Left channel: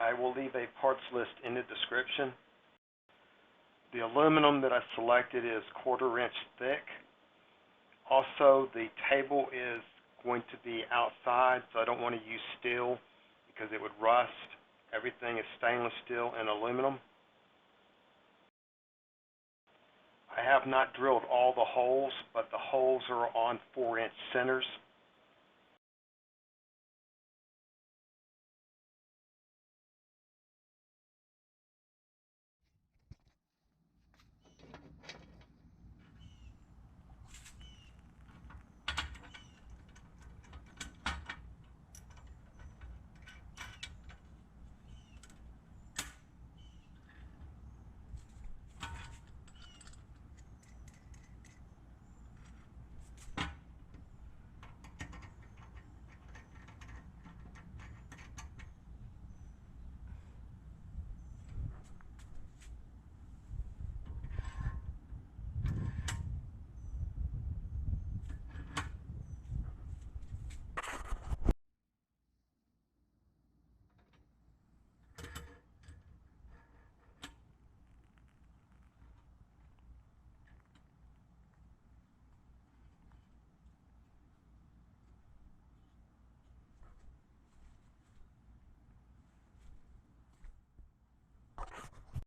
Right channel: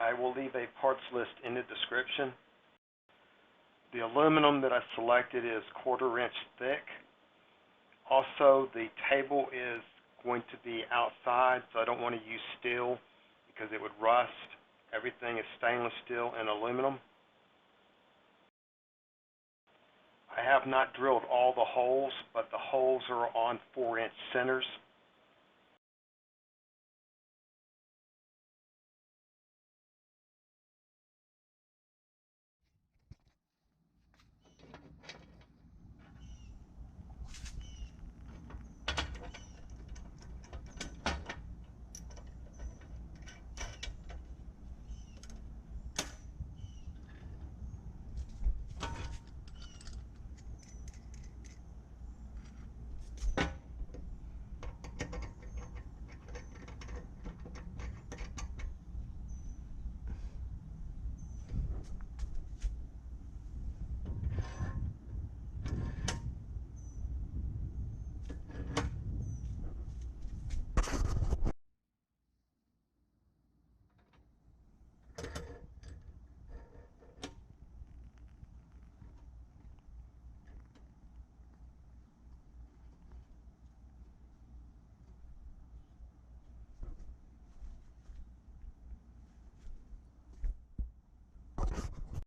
I will leave a parts list in the description. The aluminum that I selected is 1/4 inch thick. Also, the table is going to be outside, so I don't want to use steel because it would rust. Everything is stainless steel and aluminum. I have not drilled all the holes, but the holes are on 4-inch centers.